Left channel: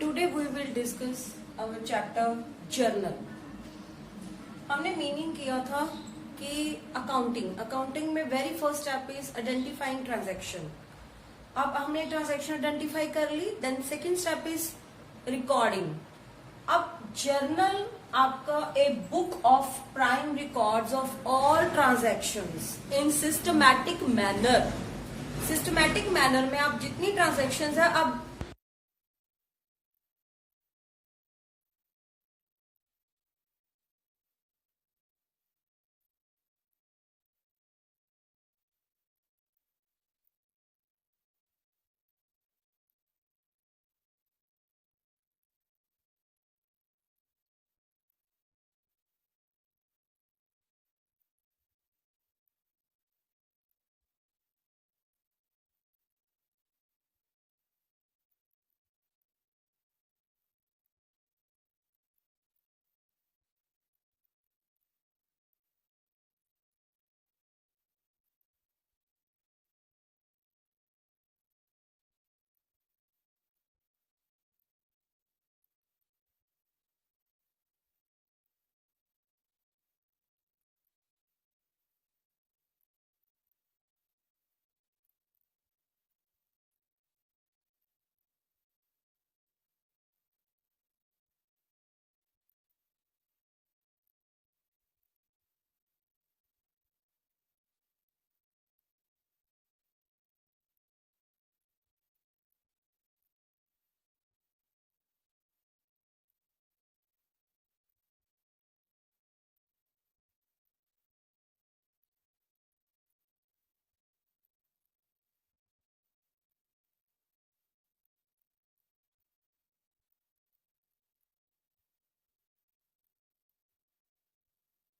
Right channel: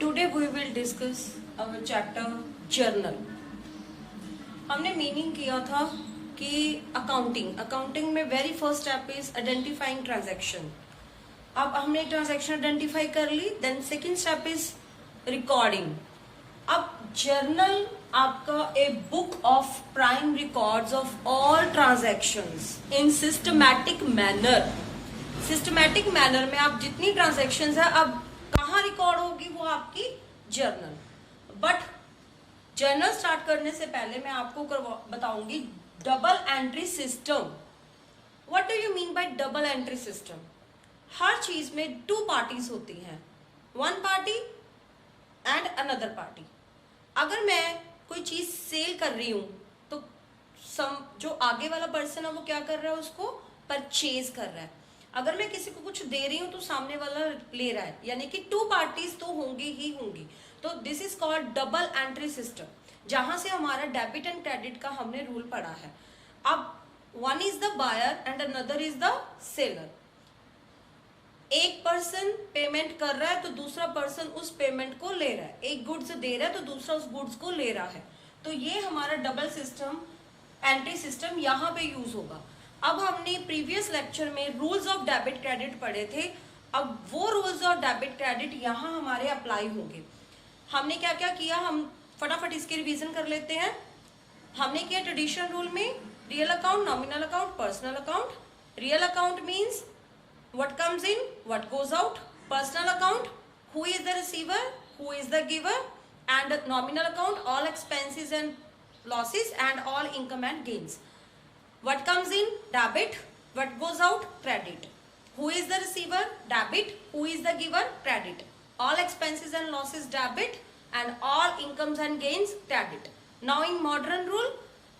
Today we will discuss our chapter journal. हमने meaning किया था कि अकाउंटिंग में very first step is identifying transaction. अब हमने ट्रांजैक्शन आइडेंटिफाई कर ली, then second step is recording. अब जर्नल आपका a book of prime records of all transactions in systematic manner. Systematic manner में आप जितनी ट्रांजैक्शंस है अब कहाँ रिकॉर्ड होगी, वो आपकी जर्नल। बट जर्नल स्टार्ट करने से पहले मैं आपको बताऊंगी double entry system. What do you mean by double entry system? हर चीज में टू पार्टीज होती हैं, one party and another party. अगर मैं कोई चीज सेल कर रही हूं तो जो आगे वाला पर्सन है वो क्या कर रहा है, उसको परचेज कर रहा है। अगर मैं किसी को कुछ दे रही हूं तो सामने वाला ले रहा है, यानी कि टू पार्टीज तो होंगी ही होंगी। तो this is called double entry system, जहां से हमारा डेबिट एंड क्रेडिट का हमने रूल पढ़ा है। अब one is the buyer and another is the seller. एक पर्सन पेमेंट कर रहा है तो दूसरा पर्सन उस पेमेंट को ले रहा है। एक गुड्स दे रहा है तो दूसरा उस गुड्स को ले रहा है। तो ये हमारा डबल सिस्टम एंट्री सिस्टम यहाँ पे यूज होगा। अब हमने प्रीवियस लेक्चर में रूल्स ऑफ डेबिट क्रेडिट पढ़े थे। अब वो रूल्स ऑफ डेबिट क्रेडिट यहाँ हमारे अप्लाई होंगे। हमने क्या क्या किया, हम फटाफट इसके रिवीजन कर लेते हैं। हमने किया ट्रेडिशनल रूल में real account, nominal account, personal account. Real account means what comes in, what goes out. Personal account, who is the receiver, who is the giver. And nominal account, all expenses and losses and all income and gains. What comes in, debit. What goes out, credit. Who is the receiver, debit. Who is the giver, credit. All expenses and losses, debit, and all incomes and gains, credit. Now in modern rule,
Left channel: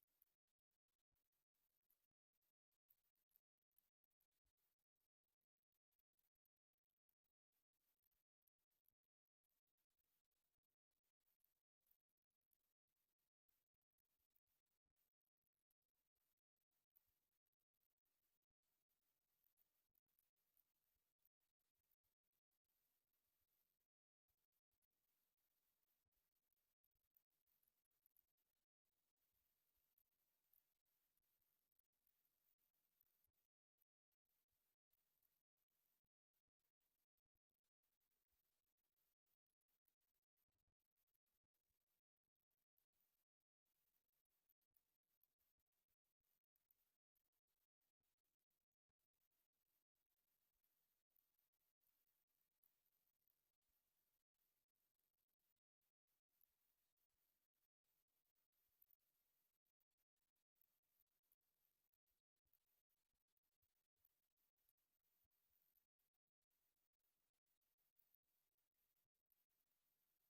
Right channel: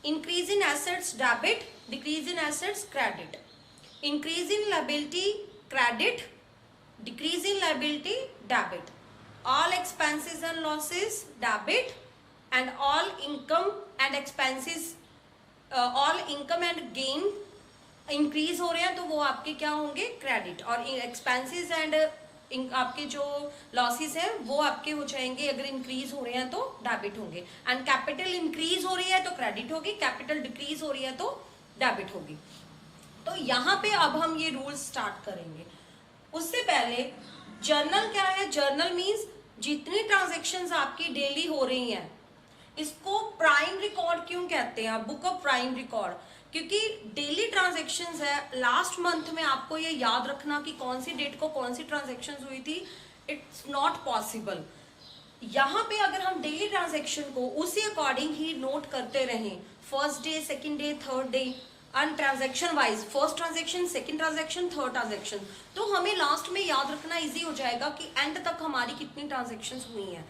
increase in assets, debit. Decrease in assets, credit. Increase in liability, credit. Decrease in liability, debit. All expenses and losses, debit. And all income and expenses, all income and gain increase हो रहे हैं तो वो आपके क्या होंगे, credit. और expenses and आपके जो लॉसेस हैं वो आपके हो जाएंगे, अगर इंक्रीज हो रहे हैं तो डेबिट होंगे। एंड कैपिटल इंक्रीज हो रही है तो क्रेडिट होगी, कैपिटल डिक्रीज हो रही है तो डेबिट होगी। तो यहाँ पे अब हम ये रूल स्टार्ट करेंगे। उससे पहले जर्नल क्या है? जर्नल मीन्स जितनी ट्रांजैक्शंस आपकी डेली हो रही हैं, इसको प्राइम रिकॉर्ड क्यों कहते हैं, बुक ऑफ प्राइम रिकॉर्ड? क्योंकि डेली ट्रांजैक्शंस है। लास्ट मंथ में आपको ये याद रखना कि कौन सी डेट को कौन सी ट्रांजैक्शंस हुई थी, इट्स नॉट पॉसिबल। यहाँ पे अगर हम डेली ट्रांजैक्शन को उसी अकॉर्डिंग ही नोट करते रहें, first day, second day, third day, and transaction wise, first transaction, second transaction, third transaction, तो हमें लास्ट में याद रखना इजी हो जाएगा कि एंड तक हमारी कितनी ट्रांजैक्शंस हुई हैं।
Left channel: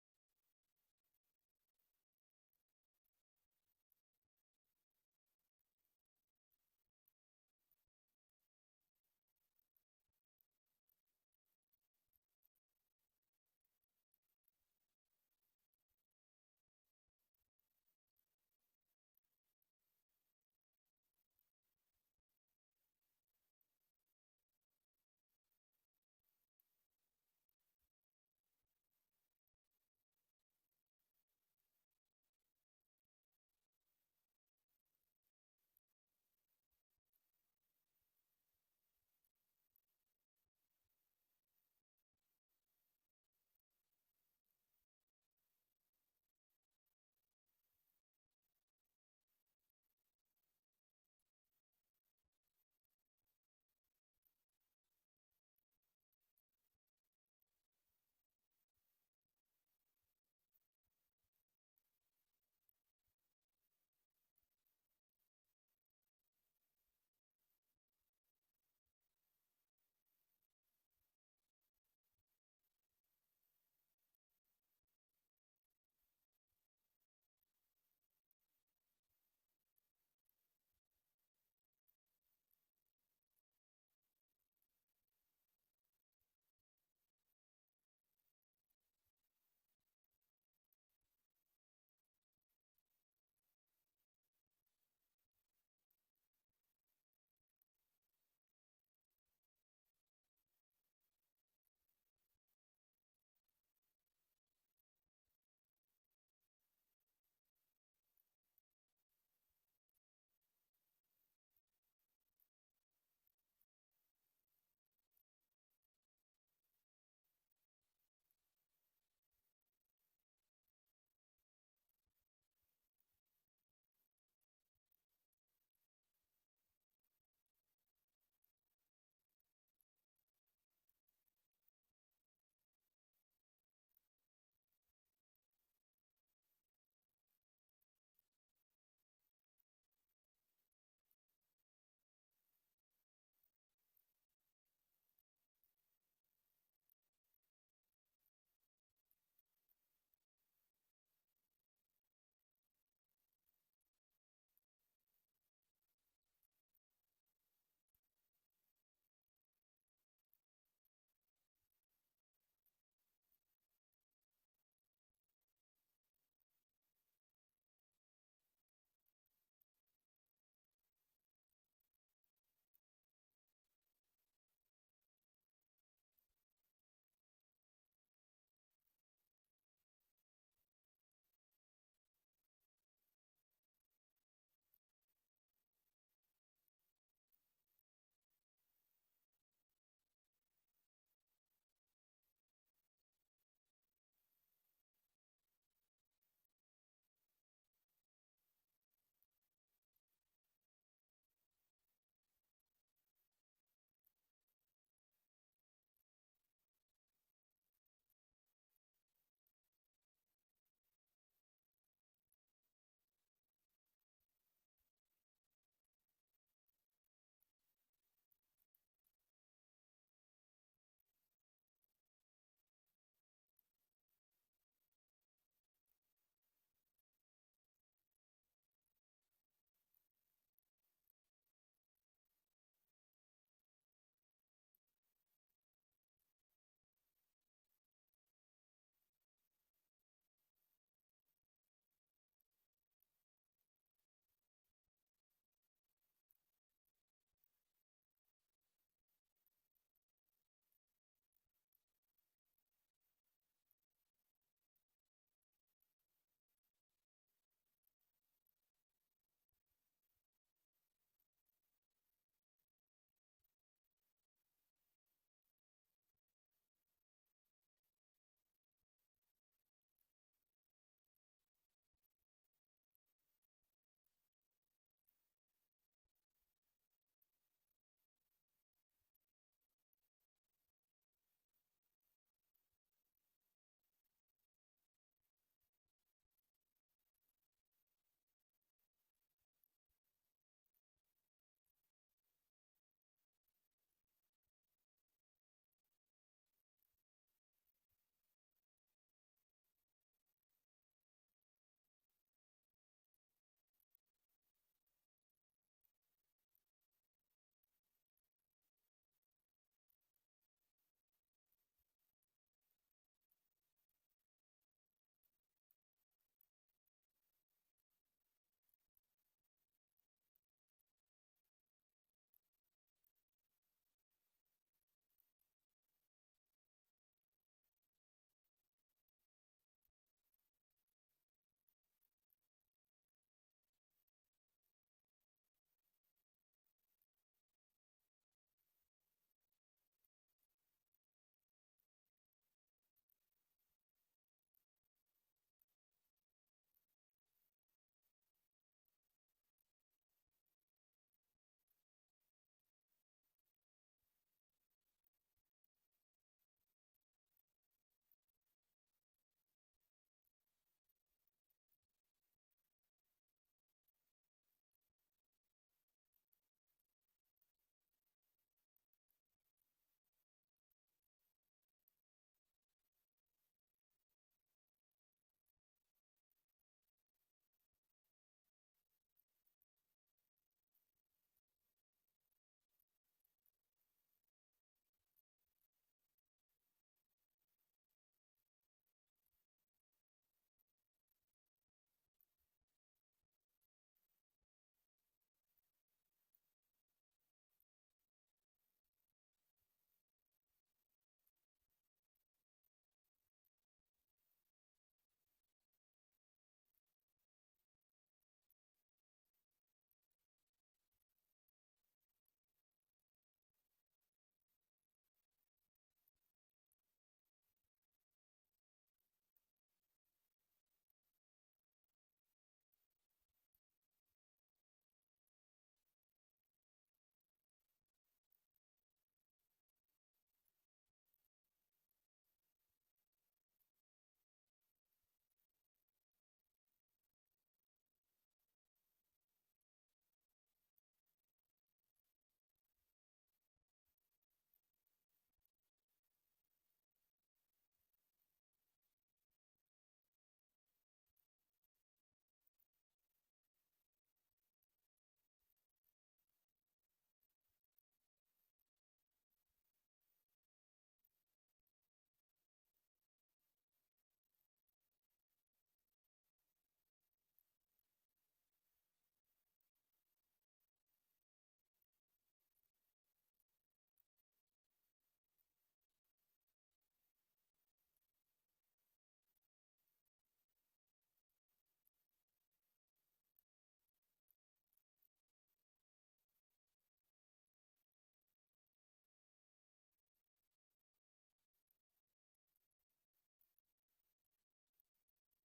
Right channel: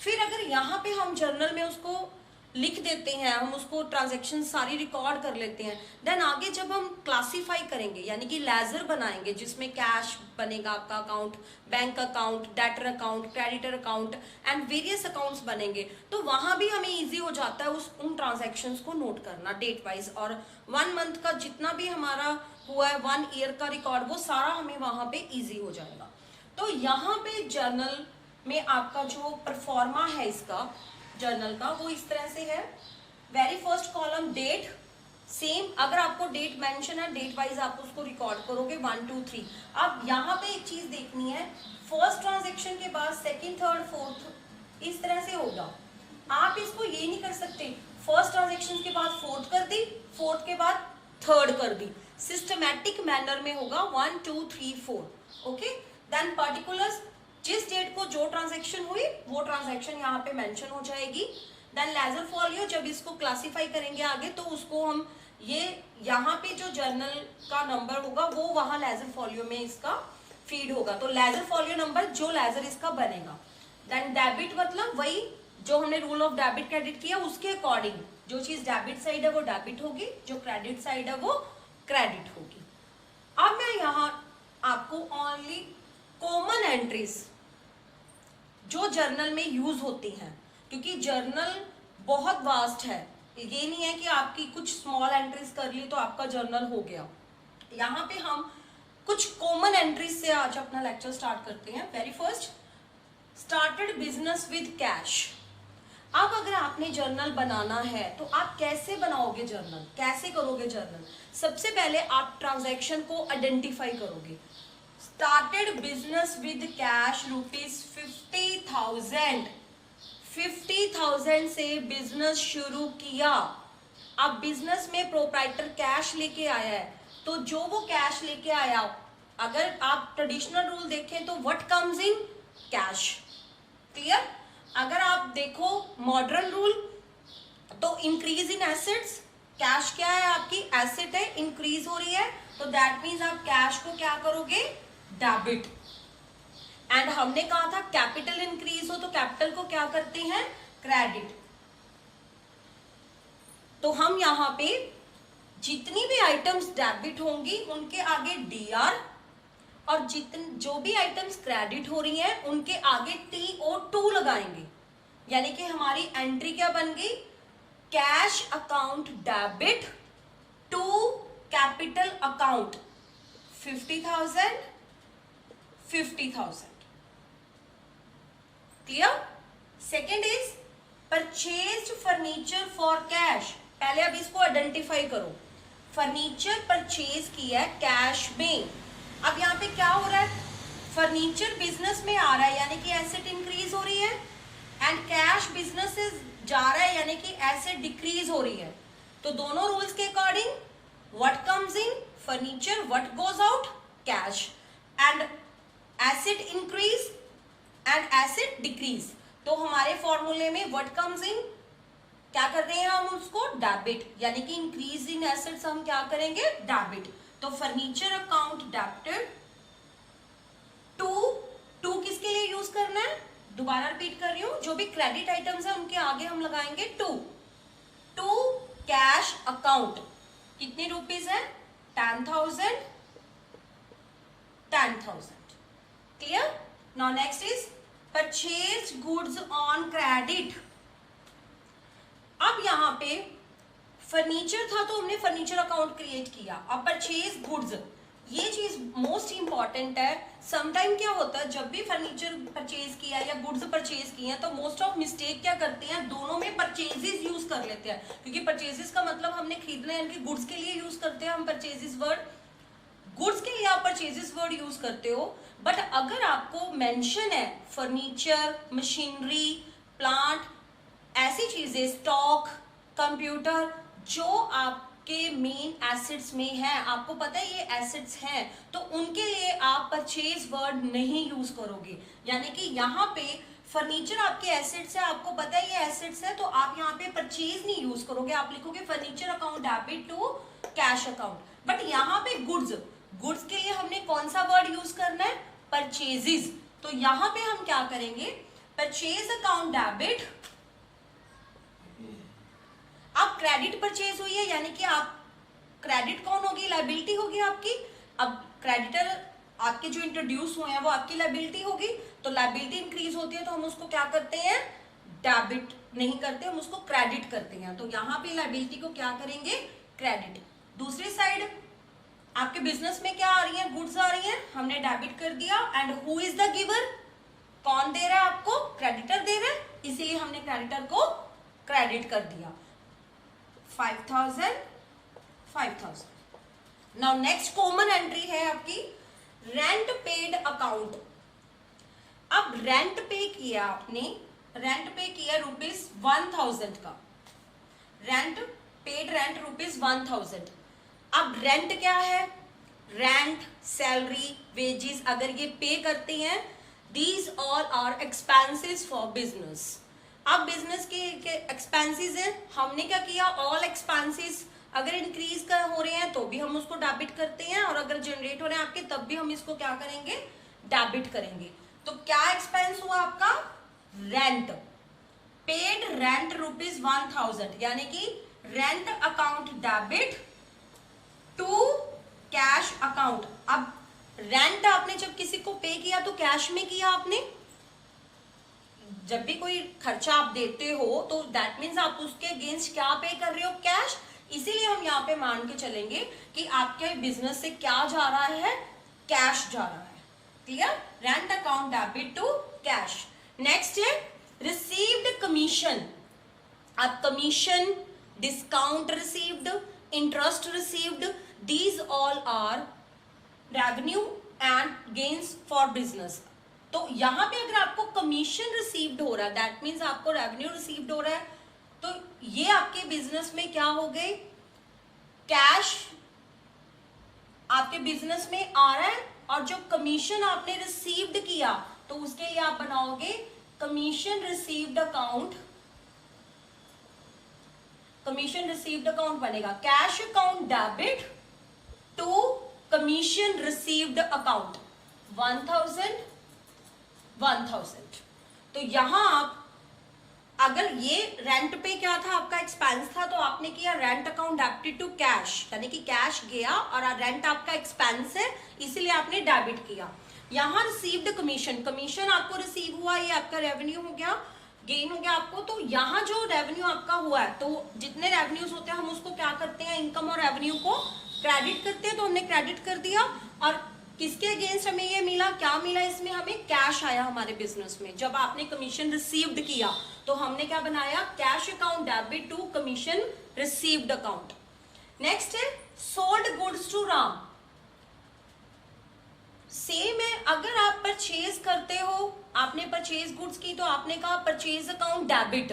फिर अगर यहाँ पे हम जर्नल में उसको लिख देते हैं, हम उसको ट्रांजैक्शन सारी रिकॉर्ड कर लेते हैं, देन आगे जब हम क्लासीफाई करेंगे यानी कि लेजर बनाएंगे जिसमें कैश बनेगा आपका account, bank account, debtor account, creditor account and various accounts बनेंगे, तो वहां भी हमें इजी हो जाता है उन ट्रांजैक्शंस को नोट करना डेट वाइज। और 1 मंथ का जितना भी हमारा हुआ है, 1 ईयर का रिकॉर्ड, वो सारा हमें वहां पे इजी हो जाएगा। तो यहाँ पे जर्नल में आपका जो परफॉर्मा है इसका जर्नल का, वो इस तरह से है। Very first column date, same अगर आपको डेट मेंशन है, डेट वाइज आप उसको रिकॉर्ड करोगे 1 2 3। अब यहाँ पे एक चीज देखनी है, फर्स्ट ट्रांजैक्शन के बाद सेकंड, थर्ड, फोर्थ इस तरह से होगा। आप इसको ये नहीं कर सकते फर्स्ट ट्रांजैक्शन के बाद फोर्थ कर दी, फोर्थ के बाद थर्ड कर दी। सिस्टमैटिक मैनर में होगा 1 2 3 4। ओके, देन पर्टिकुलर्स, जिस डेट को जो ट्रांजैक्शन हुई वो ट्रांजैक्शन यहाँ पे मेंशन हो जाएगी। देन लेजर फॉलियो, जब इसको क्लासीफाई करेंगे आगे तो उसको हम ये यहाँ पे जो जर्नल का नंबर होगा वो वहां लेजर फॉलियो में इसका फीड होगा, तो लेजर फॉलियो नंबर जो लेजर इसका बनेगा। देन डेबिट मतलब वही जो हमने रूल ऑफ डेबिट क्रेडिट किया उसके अकॉर्डिंग जो चीज डेबिट साइड है वो डेबिट होगी, जो क्रेडिट साइड है वो क्रेडिट होगी। अब मैं यहाँ आपको ओनली कॉमन एंट्रीज जो जर्नल में यूज होती हैं, क्योंकि जर्नल बहुत वास्ट है, ये नहीं है कि आपकी कुछ स्मॉल एंट्रीज कर ली तो आपका जर्नल हो गया। यहाँ पे हम कुछ कॉमन एंट्रीज से आज अपना लेक्चर स्टार्ट करते हैं। Very first, started business business with cash. अब अगर आपने जर्नल बनाना है तो आप कैसे बनाओगे जर्नल, कैसे करोगे जर्नल? सबसे पहले आप ट्रांजैक्शन को आइडेंटिफाई करोगे। स्टार्टेड बिजनेस विद कैश ₹50,000, 50,000 से बिजनेस शुरू किया। अब बिजनेस में प्रोप्राइटर कैश लेके आया है, तो जो वो कैश लेके आया, अगर आप ट्रेडिशनल रूल देखें तो what comes in cash, clear? अगर आप देखो मॉडर्न रूल तो इंक्रीज इन एसेट्स, कैश क्या है आपकी एसेट है, इंक्रीज हो रही है, तो दैट मीन्स आप कैश को क्या करोगे, डेबिट। एंड हमने कहा था कैपिटल इंक्रीज हो तो कैपिटल को क्या करते हैं, क्रेडिट। तो हम यहां पे जितनी भी आइटम्स डेबिट होंगी उनके आगे डीआर, और जो भी आइटम्स क्रेडिट हो रही हैं उनके आगे TO2 लगाएंगे। यानी कि हमारी एंट्री क्या बन गई, cash account debit to capital account 50,000, 50,000, clear? Second is purchased furniture for cash. पहले अब इसको आइडेंटिफाई करो, फर्नीचर परचेज किया है कैश में। अब यहाँ पे क्या हो रहा है, फर्नीचर बिजनेस में आ रहा है यानी कि एसेट इंक्रीज हो रही है, एंड कैश बिजनेस से जा रहा है यानी कि एसेट डिक्रीज हो रही है। तो दोनों रूल्स के according what comes in furniture, what goes out cash, and asset increase and asset decrease. तो हमारे फॉर्मूले में व्हाट कम्स इन क्या कर रहे हैं हम उसको, डेबिट, यानी कि इंक्रीज इन एसेट्स हम क्या करेंगे, डेबिट। तो फर्नीचर अकाउंट डेबिटेड टू किसके लिए यूज करना है, दोबारा रिपीट कर रही हूं, जो भी क्रेडिट आइटम्स है उनके आगे हम लगाएंगे टू कैश अकाउंट। कितनी रुपीज है, 10,000, 10,000, clear? Now next is purchase goods on credit. अब यहां पे फर्नीचर था तो हमने फर्नीचर अकाउंट क्रिएट किया। अब परचेज गुड्स, ये चीज मोस्ट इंपॉर्टेंट है। समटाइम क्या होता है, जब भी फर्नीचर परचेज किया या गुड्स परचेज किए हैं तो मोस्ट ऑफ मिस्टेक क्या करते हैं, दोनों में परचेजेस यूज कर लेते हैं, क्योंकि परचेजेस का मतलब हमने खरीदना है, यानी गुड्स के लिए यूज करते हैं हम परचेजेस वर्ड। गुड्स के लिए आप परचेजेस वर्ड यूज करते हो, बट अगर आपको मेंशन है फर्नीचर, मशीनरी, प्लांट, ऐसी चीजें, स्टॉक, कंप्यूटर, जो आपके मेन एसेट्स में है, आपको पता है ये एसेट्स हैं, तो उनके लिए आप परचेज वर्ड नहीं यूज करोगे। यानी कि यहाँ पे फर्नीचर आपके एसेट्स है, आपको पता है ये एसेट्स है, तो आप यहाँ पे परचेज नहीं यूज करोगे, आप लिखोगे furniture account debit to cash account. But यहाँ पे गुड्स के लिए हमने कौन सा वर्ड यूज करना है, परचेजेस। तो यहाँ पे हम क्या करेंगे, परचेज अकाउंट डेबिट। अब क्रेडिट परचेज हुई है यानी कि आप क्रेडिट कौन होगी, लायबिलिटी होगी आपकी। अब क्रेडिटर आपके जो इंट्रोड्यूस हुए हैं वो आपकी लायबिलिटी होगी, तो लायबिलिटी इंक्रीज होती है तो हम उसको क्या करते हैं, डेबिट नहीं करते, हम उसको क्रेडिट करते हैं। तो यहाँ पे लायबिलिटी को क्या करेंगे, क्रेडिट। दूसरी साइड आपके बिजनेस में क्या आ रही है, गुड्स आ रही हैं, हमने डेबिट कर दिया। And who is the giver, कौन दे रहा है आपको, क्रेडिटर दे रहा है, इसीलिए हमने क्रेडिटर को क्रेडिट कर दिया। 5,000, 5,000। नाउ नेक्स्ट कॉमन एंट्री है आपकी रेंट पेड अकाउंट। अब रेंट पे किया आपने, रेंट पे किया ₹1,000 का, रेंट पेड, रेंट ₹1,000। अब रेंट क्या है, रेंट, सैलरी, वेजेस, अगर ये पे करते हैं, these all are expenses for business. अब बिजनेस के एक्सपेंसेस है, हमने क्या किया, ऑल एक्सपेंसेस अगर इंक्रीज कर हो रहे हैं तो भी हम उसको डेबिट करते हैं, और अगर जनरेट हो रहे हैं आपके तब भी हम इसको क्या करेंगे, डेबिट करेंगे। तो क्या एक्सपेंस हुआ आपका, रेंट, पेड रेंट ₹1,000, यानी कि rent account debit to cash account. अब रेंट आपने जब किसी को पे किया तो कैश में किया आपने, जब भी कोई खर्चा आप देते हो तो दैट मीन्स आप उसके अगेंस्ट क्या पे कर रहे हो, कैश। इसीलिए हम यहाँ पे मान के चलेंगे कि आपके बिजनेस से क्या जा रहा है, कैश जा रहा है, clear? Rent account debit to cash. Next है रिसीव्ड कमीशन, अब commission, discount received, interest received, these all are revenue and gains for business. तो यहां पे अगर आपको कमीशन रिसीव्ड हो रहा है, दैट मीन्स आपको रेवेन्यू रिसीव्ड हो रहा है, तो ये आपके बिजनेस में क्या हो गए, कैश आपके बिजनेस में आ रहा है। और जो कमीशन आपने रिसीव्ड किया तो उसके लिए आप बनाओगे commission received account, commission received account बनेगा cash account debit to commission received account 1000 1000। तो यहां आप अगर ये रेंट पे क्या था, आपका एक्सपेंस था, तो आपने किया rent account debited to cash, यानी कि कैश गया और रेंट आपका एक्सपेंस है इसीलिए आपने डेबिट किया। यहां रिसीव्ड कमीशन, कमीशन आपको रिसीव हुआ, ये आपका रेवेन्यू हो गया, गेन हो गया आपको। तो यहाँ जो रेवेन्यू आपका हुआ है, तो जितने रेवेन्यूज होते हैं हम उसको क्या करते हैं, इनकम और रेवेन्यू को क्रेडिट करते हैं, तो हमने क्रेडिट कर दिया। और किसके अगेंस्ट हमें ये मिला, क्या मिला, इसमें हमें कैश आया हमारे बिजनेस में। जब आपने कमीशन रिसीव्ड किया तो हमने क्या बनाया, cash account debit to commission received account. Next है sold goods to Ram. Same है, अगर आप परचेज करते हो, आपने परचेज गुड्स की तो आपने कहा परचेज अकाउंट डेबिट।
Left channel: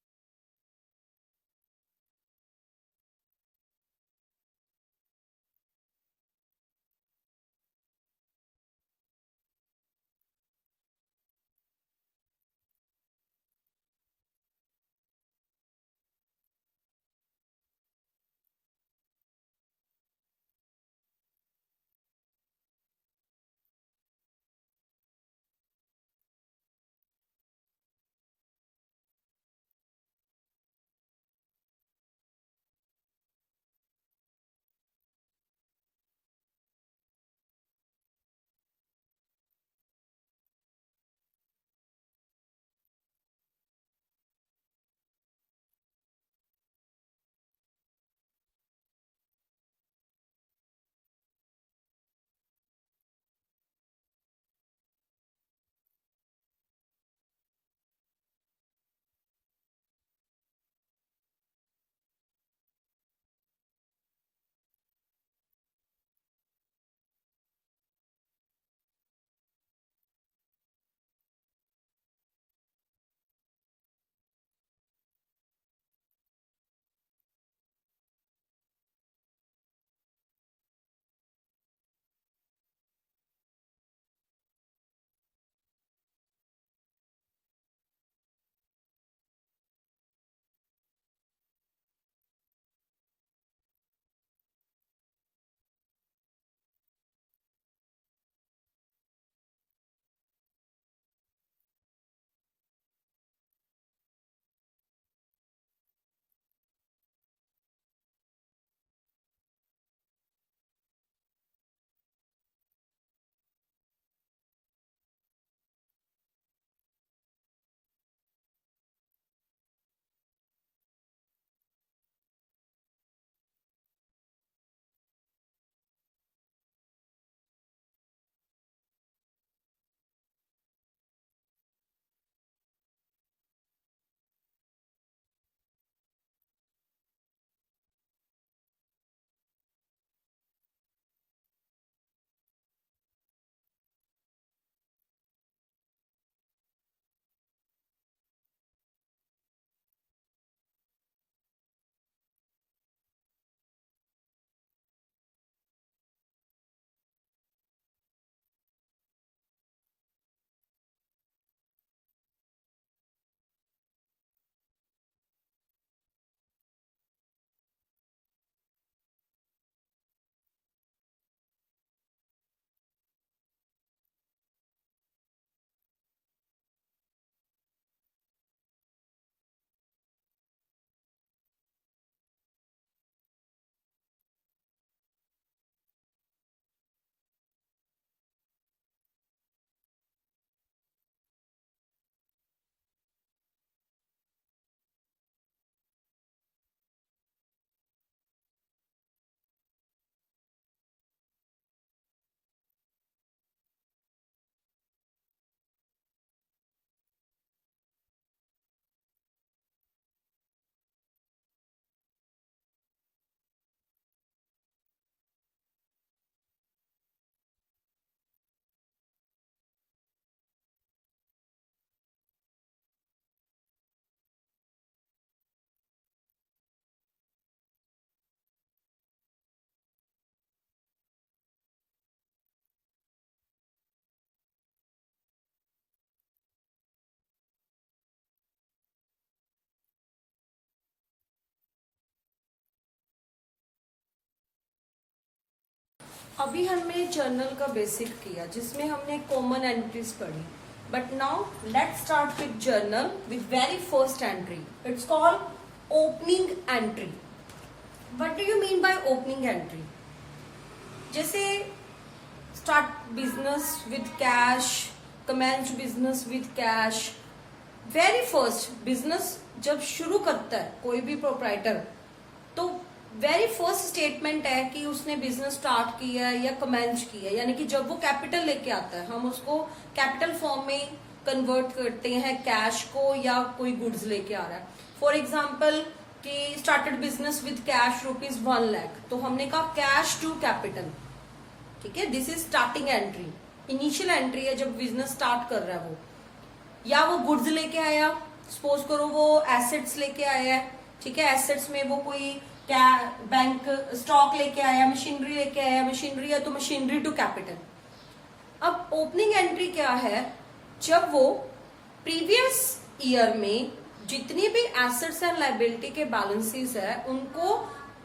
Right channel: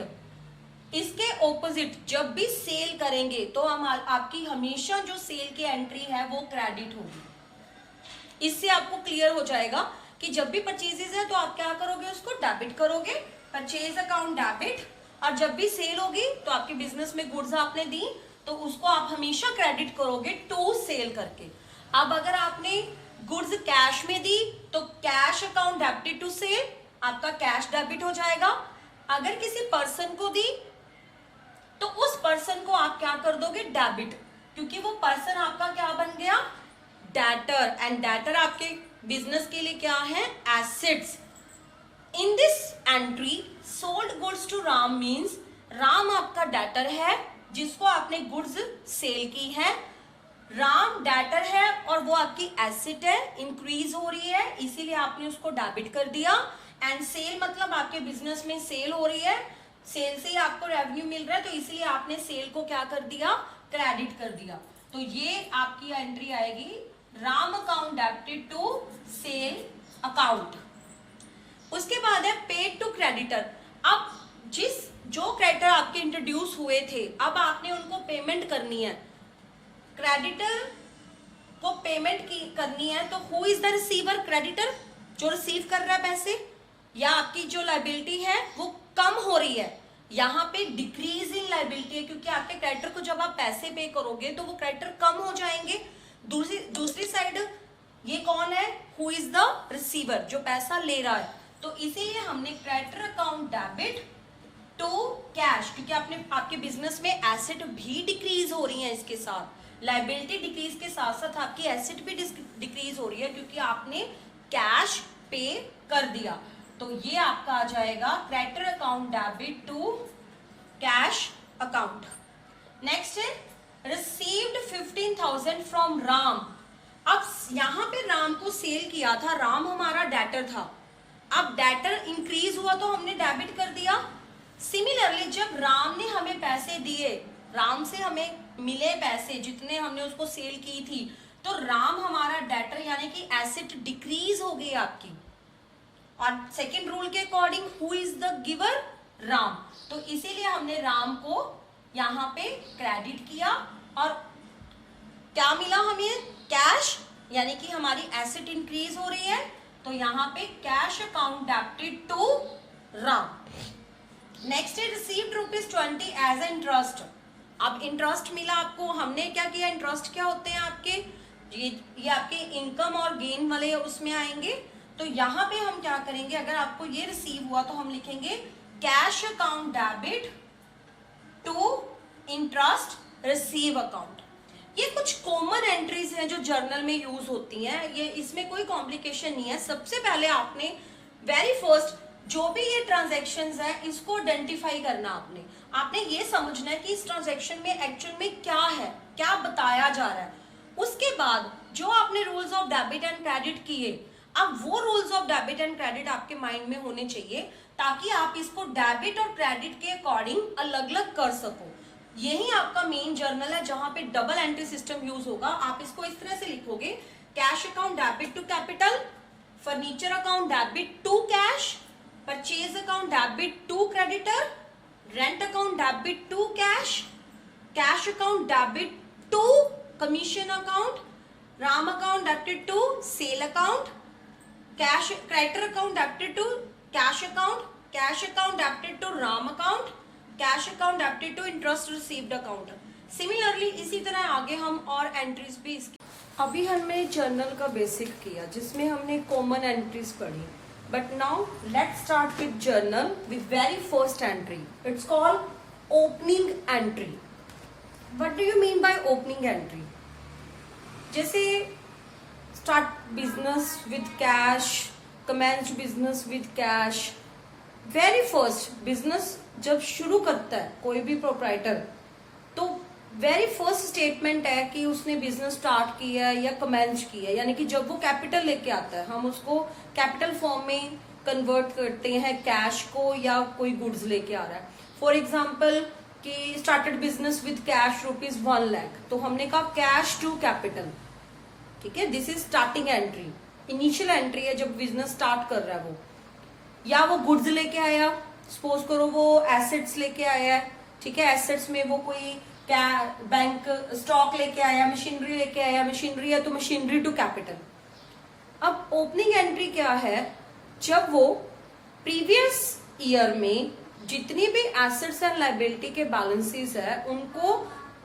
इसके ऑपोजिट जब भी सेल करेंगे तो हम आपकी हमेशा जो सेल की एंट्री है वो क्रेडिट होगी। इससे आपको क्लियर हो जाएगा कि जब भी परचेजेस है तो आप क्या करोगे, उसको डेबिट करोगे, परचेज अकाउंट डेबिट। और जब भी सेल होगी तो आपके बिजनेस में गुड्स आपने दी तो उसको आप हमेशा क्रेडिट करोगे टू सेल करके। अब अगर आपने गुड्स कैश में दी तो cash account debited to sale, आपका कैश डेबिट हो जाएगा। अगर किसी पर्सन को दी तो उस पर्सन को आप क्या कर दोगे, डेबिट, क्योंकि वो पर्सन आपका क्या बन गया, डेटर। एंड डेटर आपके बिजनेस के लिए क्या है, assets. In this entry sold goods to Ram means Ram आपका डेटर है जिसको आपने गुड्स सेल की है, राम डेटर है और वो आपकी एसेट है, इंक्रीज हो रही है इसीलिए आपने उसको डेबिट कर दिया। एंड सेल मतलब आपके बिजनेस में सेल हो रही है, सेल से ही आपको रेवेन्यू मिल रहा है तो इसीलिए आपने सेल को क्या कर दिया, क्रेडिट कर दिया। तो ये आपकी एंट्री आएगी Ram account debited to sale account. उसके बाद है पेड टू क्रेडिटर। अब जो क्रेडिटर आपके इंट्रोड्यूस हुए थे अब आपने उनको पेमेंट करनी है, क्रेडिटर को पेमेंट करनी है। तो who is the receiver, creditor जो रिसीव कर रहा है पैसे, या आपकी जो लाइबिलिटी है वो कम हो रही है, यहाँ पे डिक्रीज इन लाइबिलिटी है क्योंकि आपके क्रेडिटर को जब आप पैसे पे करोगे तो वो क्रेडिटर कम हो जाएंगे। दूसरी साइड ये कौन है, हु इज द रिसीवर, जो पैसा ले रहा है। तो इसीलिए हमने creditor account debit to cash, क्योंकि आपके बिजनेस में एसेट भी डिक्रीज हो रही है, इसके साथ लाइबिलिटी डिक्रीज के साथ साथ आपकी एसेट भी डिक्रीज हो रही है क्योंकि आपने कैश पे कर दिया। तो ये आपका आ जाएगा creditor account debit to cash account. Next है रिसीव्ड 15,000 फ्रॉम राम। अब यहां पे राम को सेल किया था, राम हमारा डेटर था, अब डेटर इंक्रीज हुआ तो हमने डेबिट कर दिया। सिमिलरली जब राम ने हमें पैसे दिए, राम से हमें मिले पैसे जितने हमने उसको सेल की थी, तो राम हमारा डेटर यानी कि एसेट डिक्रीज हो गई आपकी। और सेकेंड रूल के according who is the giver, Ram, तो इसीलिए हमने राम को यहां पे क्रेडिट किया और क्या मिला हमें, कैश, यानी कि हमारी एसेट इंक्रीज हो रही है तो यहां पे cash account debited to Ram. Next है रिसीव्ड ₹20 एज ए इंटरेस्ट। अब इंटरेस्ट मिला आपको, हमने क्या किया, इंटरेस्ट क्या होते हैं आपके, ये आपके इनकम और गेन वाले उसमें आएंगे। तो यहाँ पे हम क्या करेंगे, अगर आपको ये रिसीव हुआ तो हम लिखेंगे cash account debit to interest receive account. ये कुछ कॉमन एंट्रीज हैं जो जर्नल में यूज होती हैं, ये इसमें कोई कॉम्प्लिकेशन नहीं है। सबसे पहले आपने वेरी फर्स्ट जो भी ये ट्रांजैक्शंस है इसको आइडेंटिफाई करना, आपने ये समझना है कि इस ट्रांजैक्शन में एक्चुअल में क्या है, क्या बताया जा रहा है। उसके बाद जो आपने rules of debit and credit किए, अब वो rules of debit and credit आपके माइंड में होने चाहिए ताकि आप इसको डेबिट और क्रेडिट के अकॉर्डिंग अलग अलग कर सको। यही आपका मेन जर्नल है जहां पे डबल एंट्री सिस्टम यूज होगा। आप इसको इस तरह से लिखोगे, cash account debit to capital, furniture account debit to cash, purchase account debit to creditor, rent account debit to cash, cash account debit to commission account, Ram account debited to sale account, cash creditor account debited to cash account, cash account debited to Ram account, cash account debited to interest received account. Similarly इसी तरह आगे हम और entries भी अभी हमने journal का basic किया जिसमें हमने कॉमन एंट्रीज पढ़ी। But now let's start with journal with very first entry. It's called opening entry. What do you mean by opening entry? जैसे start business with cash, commence business with cash. Very first business जब शुरू करता है कोई भी proprietor, तो very first statement है कि उसने बिजनेस स्टार्ट किया या कमेंस किया, यानी कि जब वो कैपिटल लेके आता है हम उसको कैपिटल फॉर्म में कन्वर्ट करते हैं, कैश को या कोई गुड्स लेके आ रहा है। फॉर एग्जाम्पल कि started business with cash ₹1 lakh, तो हमने कहा कैश टू कैपिटल। ठीक है, this is starting entry, initial entry है जब बिजनेस स्टार्ट कर रहा है वो। या वो गुड्स लेके आया, सपोज करो वो एसेट्स लेके आया है। ठीक है, एसेट्स में वो कोई क्या बैंक स्टॉक लेके आया, मशीनरी लेके आया, मशीनरी है तो मशीनरी टू कैपिटल। अब ओपनिंग एंट्री क्या है? जब वो प्रीवियस ईयर में जितनी भी एसेट्स एंड लाइबिलिटी के बैलेंसेस है उनको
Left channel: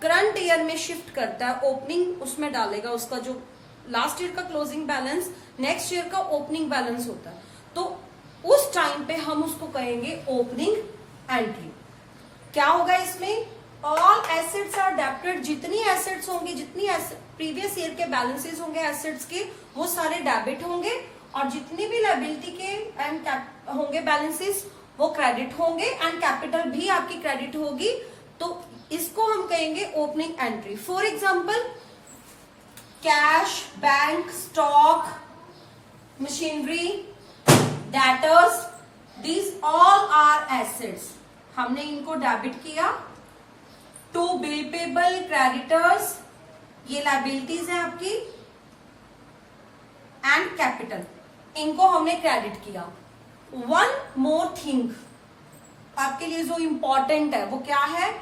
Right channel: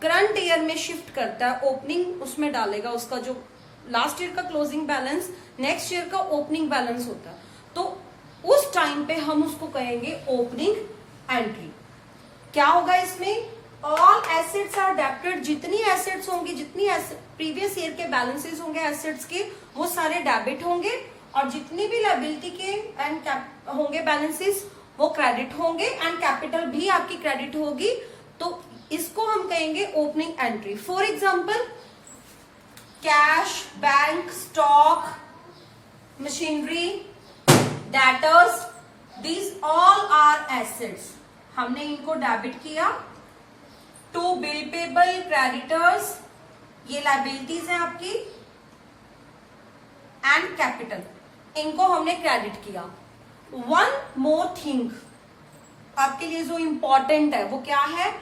करंट ईयर में शिफ्ट करता है, ओपनिंग उसमें डालेगा। उसका जो लास्ट ईयर का क्लोजिंग बैलेंस नेक्स्ट ईयर का ओपनिंग बैलेंस होता है, तो उस टाइम पे हम उसको कहेंगे ओपनिंग एंट्री। क्या होगा इसमें? All assets are debited. जितनी एसेट्स होंगी, जितनी प्रीवियस ईयर के बैलेंसेस होंगे एसेट्स के, वो सारे डेबिट होंगे, और जितनी भी लायबिलिटी के एंड होंगे बैलेंसेस वो क्रेडिट होंगे, एंड कैपिटल भी आपकी क्रेडिट होगी। तो इसको हम कहेंगे opening entry. For example cash, bank, stock, machinery, debtors, these all are assets. हमने इनको डेबिट किया। टू बिल पेबल, क्रेडिटर्स, ये लायबिलिटीज है आपकी, एंड कैपिटल, इनको हमने क्रेडिट किया। वन मोर थिंग आपके लिए जो इंपॉर्टेंट है वो क्या है?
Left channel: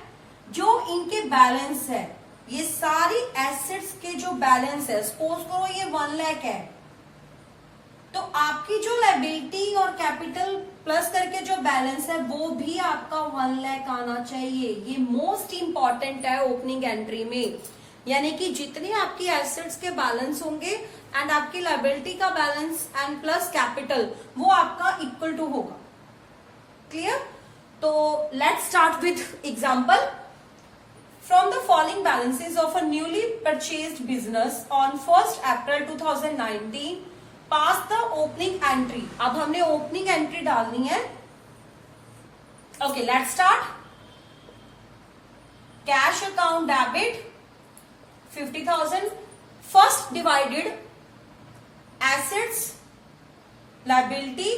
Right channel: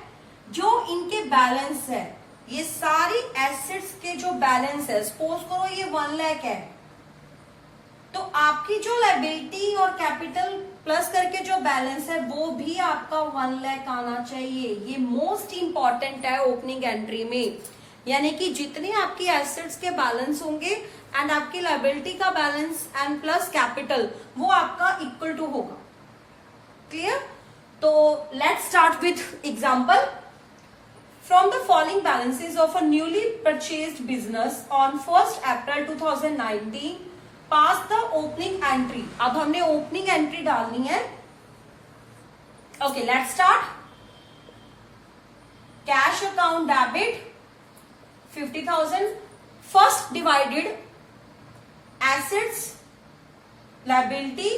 जो इनके बैलेंस है, ये सारी एसेट्स के जो बैलेंस है, सपोज करो ये 1 लाख है, तो आपकी जो लायबिलिटी और कैपिटल प्लस करके जो बैलेंस है वो भी आपका 1 लाख आना चाहिए। ये मोस्ट इंपॉर्टेंट है ओपनिंग एंट्री में। यानी कि जितनी आपकी एसेट्स के बैलेंस होंगे एंड आपकी लायबिलिटी का बैलेंस एंड प्लस कैपिटल, वो आपका इक्वल टू होगा। क्लियर? तो let's start with example. From the following balances of a newly purchased business on 1st April 2019, pass the opening entry. अब हमने opening entry डालनी है। Okay, let's start. Cash account debit 50,000. First divided assets, liability,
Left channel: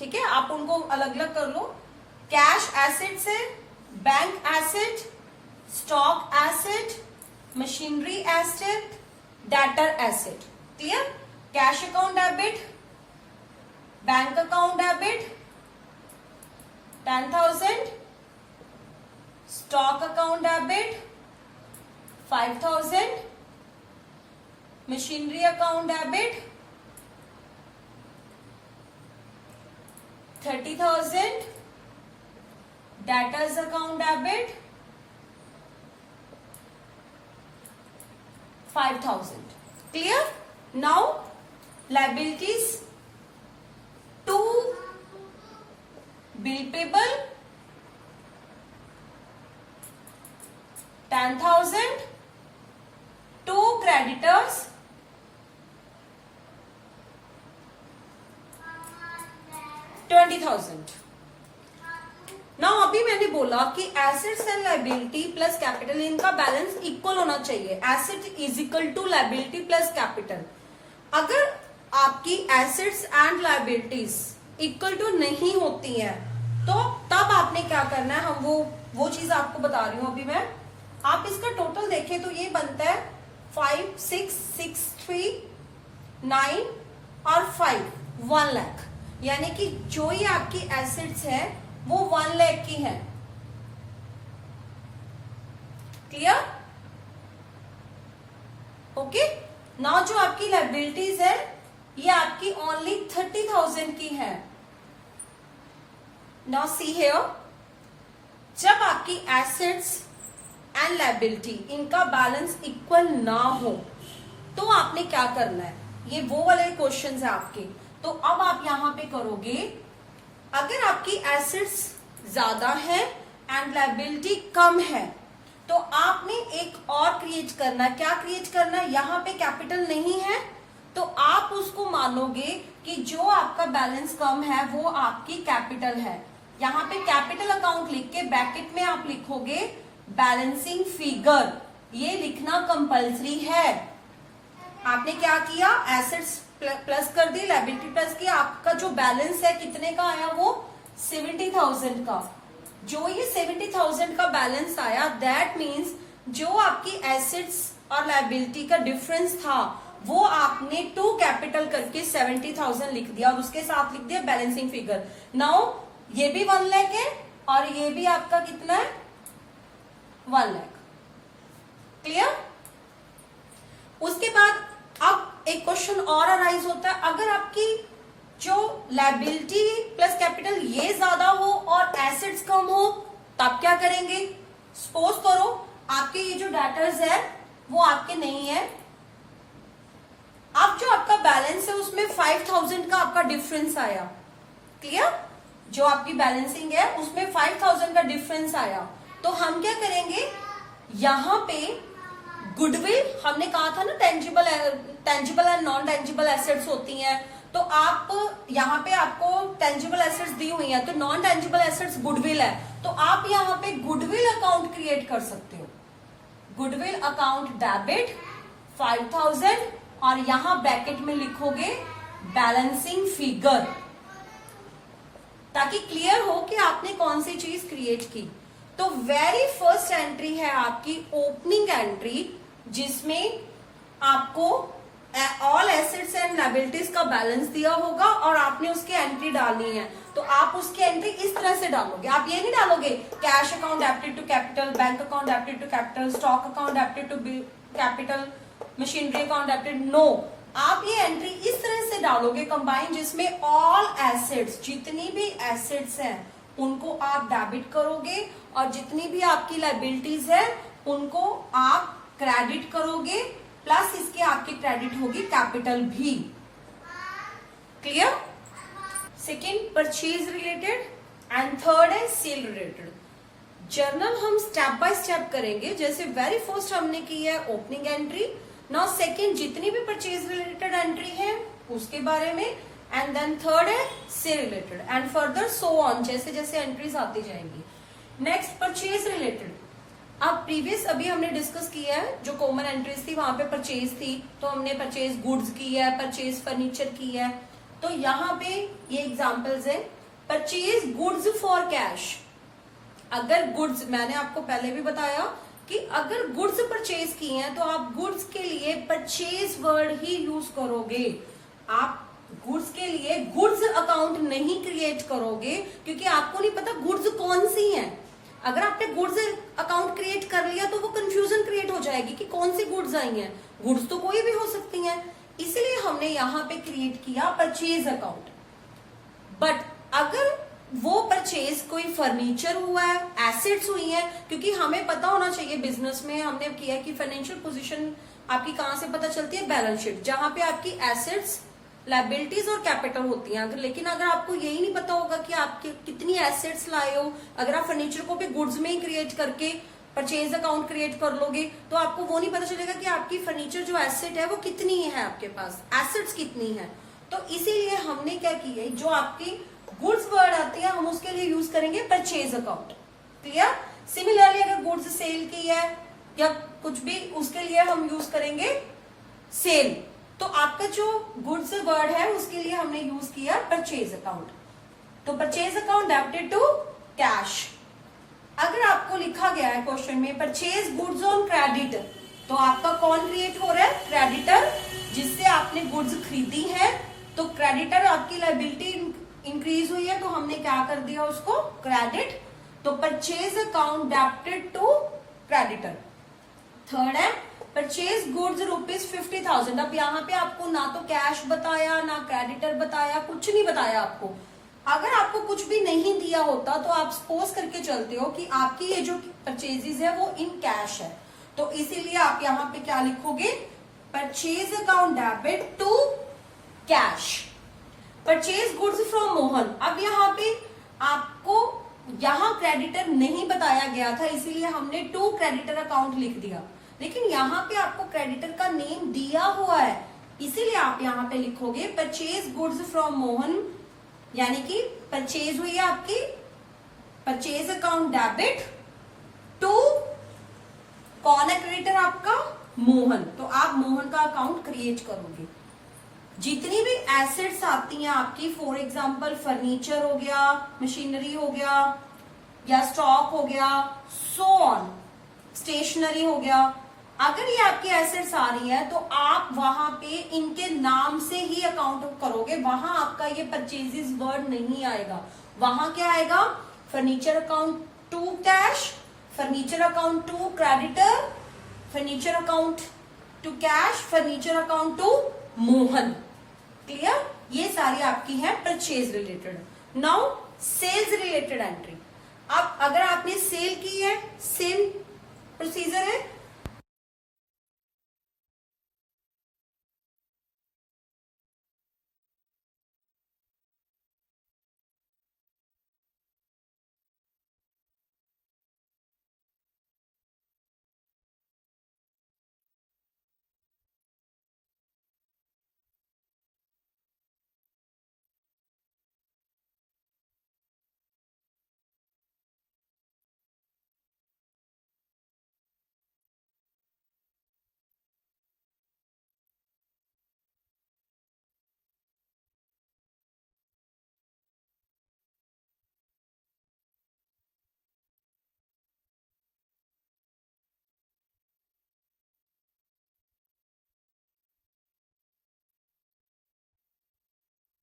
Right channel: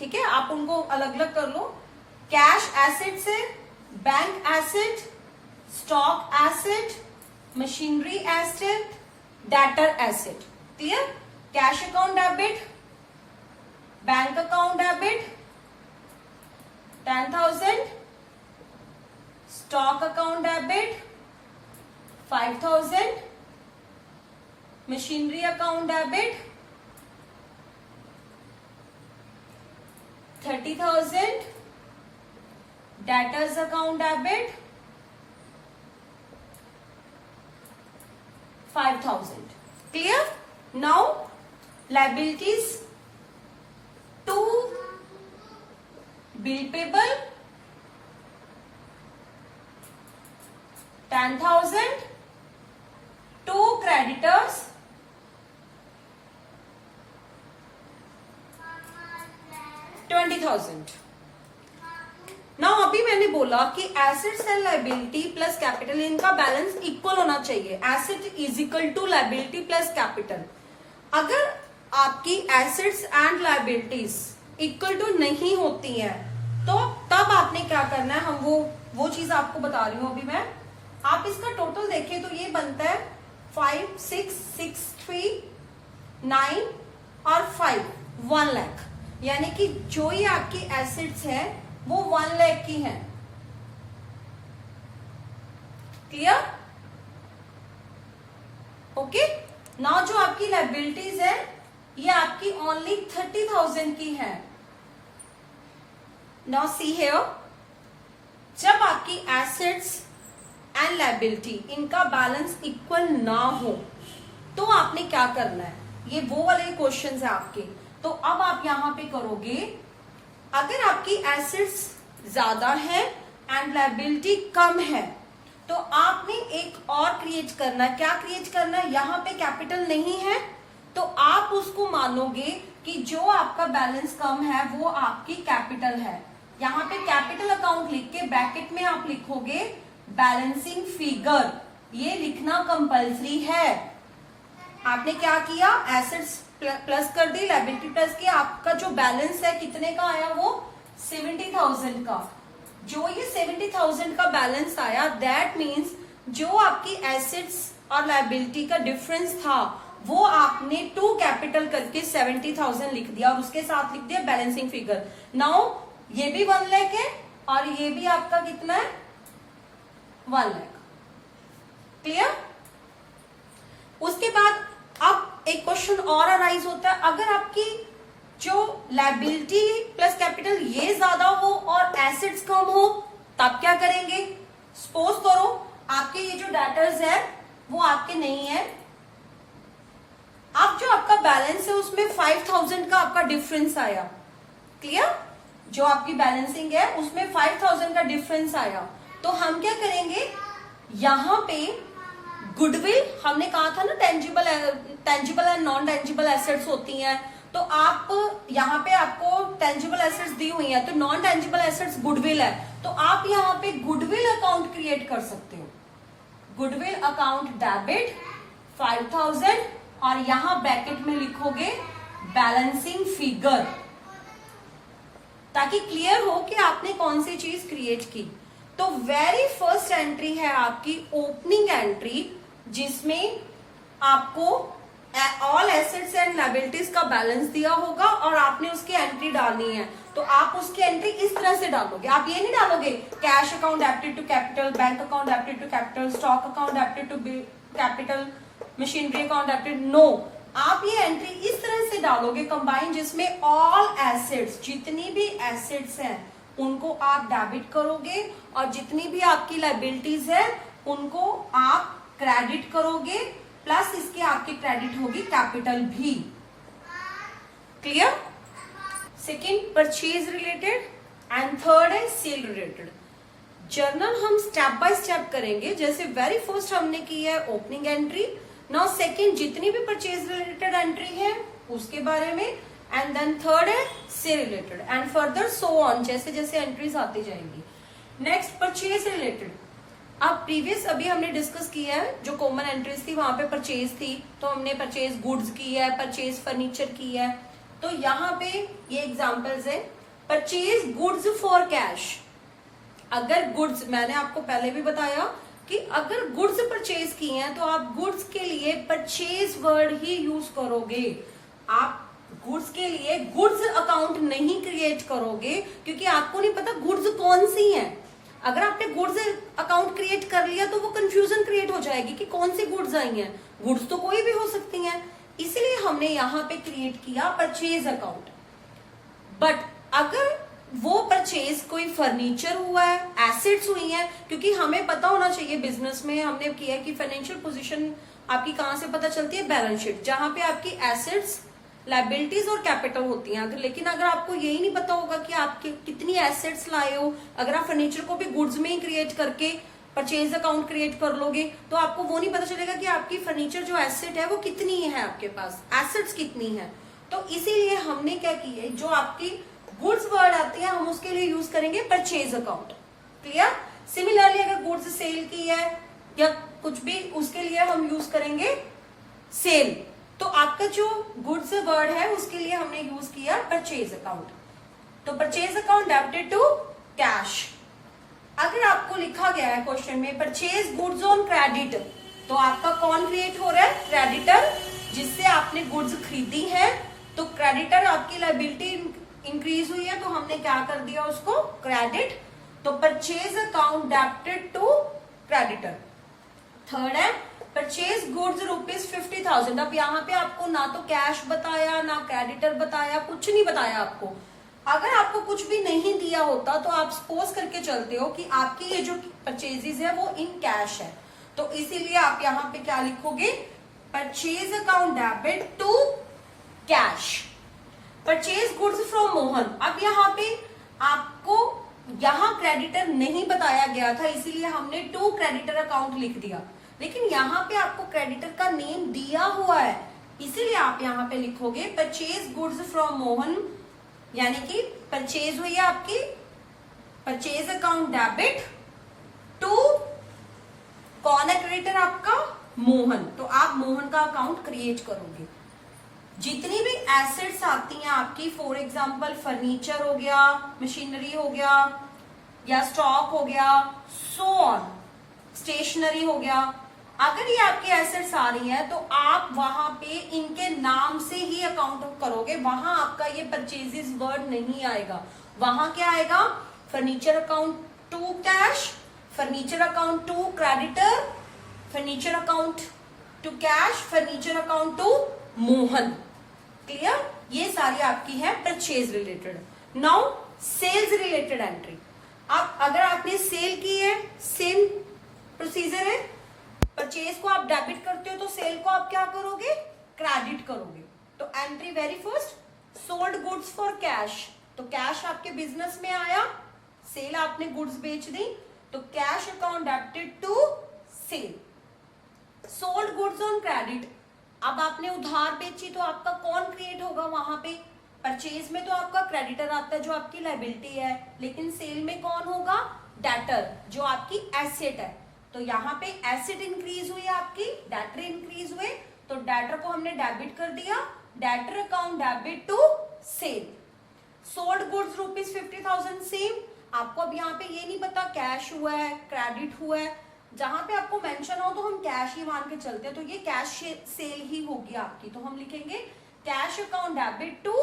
ठीक है, आप उनको अलग अलग कर लो। कैश एसेट से bank asset, stock asset, machinery asset, debtor asset. Clear? Cash account debit, bank account debit 10,000, stock account debit 5,000, machinery account debit 30,000, debtors account debit 5,000. Clear? Now liabilities to bill payable 10,000, to creditors 20,000. Now अभी मैंने बोला कि assets and liability plus capital, इनका balance equal होना चाहिए। Asset is equal to liability plus capital. अगर आपकी assets and liabilities equal to नहीं होती है, तो तब आपने क्या करना है, हम वो चीज आपको बता रही हूं अभी मैं। आप इसका टोटल देखें तो ये बनता है 5, 6, 6, 3, 9 और 5, 1 लाख। यानी कि जो ये आपकी एसेट्स है वो 1 लाख की है। क्लियर? ओके। नाउ जो आपकी लाइबिलिटीज है ये आपकी ओनली 30,000 की है। नाउ सी हियर, जब आपकी एसेट्स एंड लाइबिलिटी इनका बैलेंस इक्वल ना हो तो आपने क्या करना है, ये वो वाले क्वेश्चंस है आपके। तो अब आप यहां पे करोगे, अगर आपकी एसेट्स ज्यादा है एंड लाइबिलिटी कम है तो आपने एक और क्रिएट करना है। क्या क्रिएट करना है, यहां पे कैपिटल नहीं है तो आप उसको मानोगे कि जो आपका बैलेंस कम है वो आपकी कैपिटल है। यहां पे कैपिटल अकाउंट लिख के ब्रैकेट में आप लिखोगे बैलेंसिंग फिगर, ये लिखना कंपल्सरी है। आपने क्या किया, एसेट्स प्लस कर दी, लायबिलिटी प्लस की, आपका जो बैलेंस है कितने का आया, वो 70,000 का। जो ये 70,000 का बैलेंस आया, दैट मीन्स जो आपकी एसेट्स और लायबिलिटी का डिफरेंस था वो आपने टू कैपिटल करके 70,000 लिख दिया और उसके साथ लिख दिया बैलेंसिंग फिगर। नाउ ये भी 1 लाख है और ये भी आपका कितना है, 1 लाख। क्लियर? उसके बाद अब एक क्वेश्चन और अराइज होता है, अगर आपकी जो लायबिलिटी प्लस कैपिटल ये ज्यादा हो और एसेट्स कम हो तब क्या करेंगे। सपोज करो आपके ये जो डेटर्स है वो आपके नहीं है, अब जो आपका बैलेंस है उसमें 5,000 का आपका डिफरेंस आया। क्लियर? जो आपकी बैलेंसिंग है उसमें 5,000 का डिफरेंस आया, तो हम क्या करेंगे, यहां पे गुडविल, हमने कहा था ना tangible and non tangible assets होती हैं, तो आप यहाँ पे आपको टेंजिबल एसेट्स दी हुई है तो नॉन टेंजिबल एसेट्स गुडविल है, तो आप यहाँ पे गुडविल अकाउंट क्रिएट कर सकते हो। गुडविल अकाउंट डेबिट 5,000 और यहां ब्रैकेट में लिखोगे बैलेंसिंग फिगर, ताकि क्लियर हो कि आपने कौन सी चीज क्रिएट की। तो वेरी फर्स्ट एंट्री है आपकी ओपनिंग एंट्री, जिसमें आपको ऑल एसेट्स एंड लायबिलिटीज का बैलेंस दिया होगा और आपने उसकी एंट्री डालनी है। तो आप उसकी एंट्री इस तरह से डालोगे, आप ये नहीं डालोगे cash account debited to capital, bank account debited to capital, stock account debited to capital, machinery account debited, no. आप ये एंट्री इस तरह से डालोगे कंबाइन, जिसमें ऑल एसेट्स, जितनी भी एसेट्स हैं उनको आप डेबिट करोगे और जितनी भी आपकी लायबिलिटीज है उनको आप क्रेडिट करोगे, प्लस इसके आपकी क्रेडिट होगी कैपिटल भी। Clear? Second purchase related and third है सेल रिलेटेड। जर्नल हम स्टेप बाय स्टेप करेंगे, जैसे वेरी फर्स्ट हमने की है ओपनिंग एंट्री, नाउ सेकेंड जितनी भी परचेज रिलेटेड एंट्री है उसके बारे में, एंड देन थर्ड है sale related and further so on, जैसे जैसे एंट्रीज आती जाएंगी। Next purchase related. अब प्रीवियस अभी हमने डिस्कस किया है, जो कॉमन एंट्रीज थी वहां पे परचेज थी, तो हमने परचेज गुड्स की है, परचेज फर्नीचर की है। तो यहाँ पे ये एग्जांपल्स है, परचेज गुड्स फॉर कैश। अगर गुड्स, मैंने आपको पहले भी बताया कि अगर गुड्स परचेज की हैं तो आप गुड्स के लिए परचेज वर्ड ही यूज करोगे। आप गुड्स के लिए गुड्स अकाउंट नहीं क्रिएट करोगे, क्योंकि आपको नहीं पता गुड्स कौन सी हैं। अगर आपने गुड्स अकाउंट क्रिएट कर लिया तो वो कंफ्यूजन क्रिएट हो जाएगी कि कौन सी गुड्स आई हैं। गुड्स तो कोई भी हो सकती हैं, इसलिए हमने यहाँ पे क्रिएट किया परचेज अकाउंट। बट अगर वो परचेज कोई फर्नीचर हुआ है, एसेट्स हुई हैं, क्योंकि हमें पता होना चाहिए बिजनेस में हमने किया कि फाइनेंशियल पोजीशन आपकी कहां से पता चलती है, बैलेंस शीट, जहां पे आपकी एसेट्स, लायबिलिटीज और कैपिटल होती हैं। लेकिन अगर आपको यही नहीं पता होगा कि आप कितनी एसेट्स लाए हो, अगर आप फर्नीचर को भी गुड्स में ही क्रिएट करके परचेज अकाउंट क्रिएट कर लोगे तो आपको वो नहीं पता चलेगा कि आपकी फर्नीचर जो एसेट है वो कितनी है, आपके पास एसेट्स कितनी है। तो इसीलिए हमने क्या किया है, जो आपकी गुड्स वर्ड आती है हम उसके लिए यूज करेंगे परचेज अकाउंट। क्लियर? सिमिलरली अगर गुड्स सेल की है या कुछ भी, उसके लिए हम यूज करेंगे सेल। तो आपका जो गुड्स वर्ड है उसके लिए हमने यूज किया परचेज अकाउंट। तो purchase account debited to cash. अगर आपको लिखा गया है क्वेश्चन में परचेज गुड्स ऑन क्रेडिट, तो आपका कौन क्रिएट हो रहा है? क्रेडिटर, जिससे आपने गुड्स खरीदी है। तो क्रेडिटर आपकी लायबिलिटी इंक्रीज हुई है, तो हमने क्या कर दिया उसको? क्रेडिट। तो purchase account debited to creditor. Third है परचेज गुड्स ₹50,000। अब यहाँ पे आपको ना तो कैश बताया, ना क्रेडिटर बताया, कुछ नहीं बताया आपको। अगर आपको कुछ भी नहीं दिया होता तो आप सपोज करके चलते हो कि आपकी ये जो परचेजेस है वो इन कैश है, तो इसीलिए आप यहाँ पे क्या लिखोगे? Purchase account debit to cash. Purchase goods from Mohan. अब यहाँ पे आपको यहाँ क्रेडिटर नहीं बताया गया था, इसीलिए हमने टू क्रेडिटर अकाउंट लिख दिया, लेकिन यहाँ पे आपको क्रेडिटर का नेम दिया हुआ है, इसीलिए आप यहाँ पे लिखोगे परचेज गुड्स फ्रॉम मोहन, यानी कि परचेज हुई है आपकी परचेज अकाउंट डेबिट टू, कौन है क्रेडिटर आपका? मोहन। तो आप मोहन का अकाउंट क्रिएट करोगे। जितनी भी एसेट्स आती हैं आपकी, फॉर एग्जांपल फर्नीचर हो गया, मशीनरी हो गया, या स्टॉक हो गया, सो ऑन, स्टेशनरी हो गया, अगर ये आपकी एसेट्स आ रही है तो आप वहां पे इनके नाम से ही अकाउंट करोगे, वहां आपका ये परचेजेस वर्ड नहीं आएगा। वहां क्या आएगा? Furniture account to cash, furniture account to creditor, furniture account to cash, furniture account to Mohan. Clear? ये सारी आपकी है purchase related. Now sales related entry. अब अगर आपने सेल की है, सेम प्रोसीजर है। परचेज को आप डेबिट करते हो तो सेल को आप क्या करोगे? क्रेडिट करोगे। तो entry very first, sold goods for cash. तो कैश आपके बिजनेस में आया, सेल आपने गुड्स बेच दी, तो cash account debited to sale. Sold goods on credit. अब आपने उधार बेची तो आपका कौन क्रिएट होगा वहां पे? परचेज में तो आपका क्रेडिटर आता है जो आपकी लायबिलिटी है, लेकिन सेल में कौन होगा? डेटर, जो आपकी एसेट है। तो यहाँ पे एसेट इंक्रीज हुई आपकी, डेटर इंक्रीज हुए, तो डेटर को हमने डेबिट कर दिया, debtor account debit to sale. Sold goods ₹50,000 same. आपको अब यहाँ पे ये नहीं पता कैश हुआ है, क्रेडिट हुआ है, जहां पे आपको मेंशन हो तो हम कैश ही मान के चलते हैं, तो ये कैश सेल ही होगी आपकी, तो हम लिखेंगे cash account debit to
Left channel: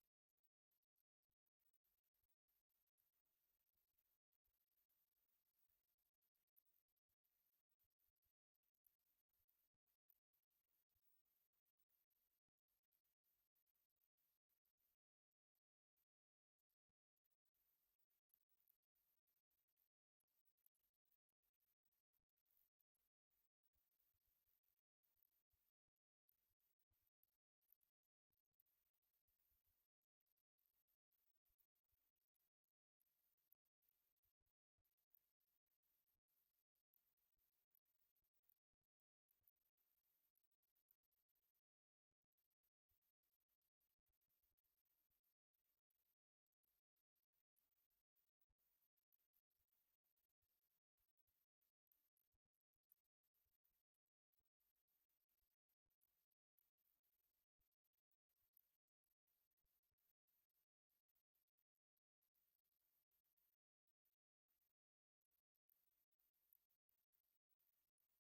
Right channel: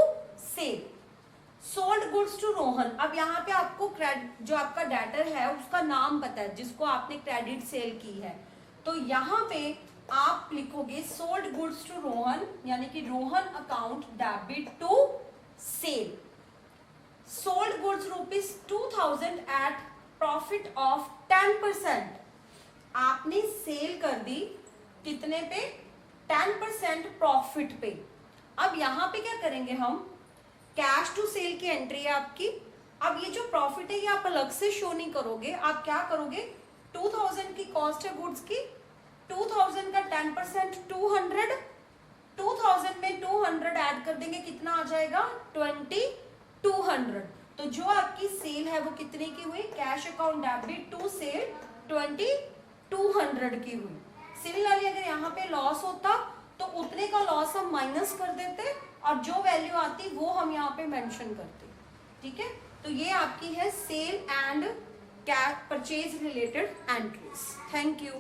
sale. Sold goods to Rohan. अब यहाँ पे आपको जो आपका डेटर है उसका नाम पता है जिसको आपने क्रेडिट सेल की है, तो यहाँ पे आप लिखोगे सोल्ड गुड्स टू रोहन, यानी कि Rohan account debit to sale. Sold goods ₹2,000 at profit of 10%। आपने सेल कर दी कितने पे? 10% प्रॉफिट पे। अब यहां पे क्या करेंगे हम? कैश टू सेल की एंट्री है आपकी। अब ये जो प्रॉफिट है ये आप अलग से शो नहीं करोगे, आप क्या करोगे? 2000 की कॉस्ट है गुड्स की, 2000 का 10% 200, 2000 में 200 ऐड कर देंगे, कितना आ जाएगा? 2200। तो जो आपकी सेल है वो कितने की हुई? Cash account debit to sale 2200 की हुई। सिमिलरली अगर यहाँ पे लॉस होता तो उतने का लॉस हम माइनस कर देते और जो वैल्यू आती वो हम यहाँ पे मेंशन करते। ठीक है, तो ये आपकी है sale and purchase related entries. Thank you.